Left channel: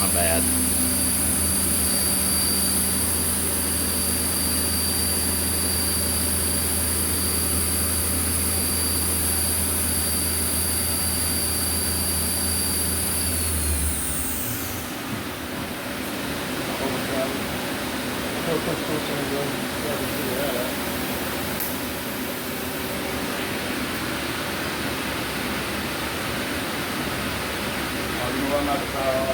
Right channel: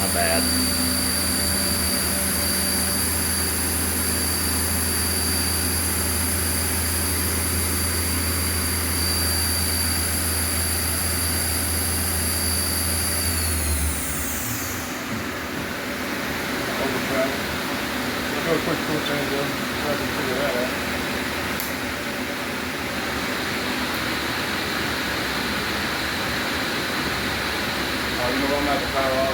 My bad. Probably put full change in, so I can figure that out. You know, I'm not the power on.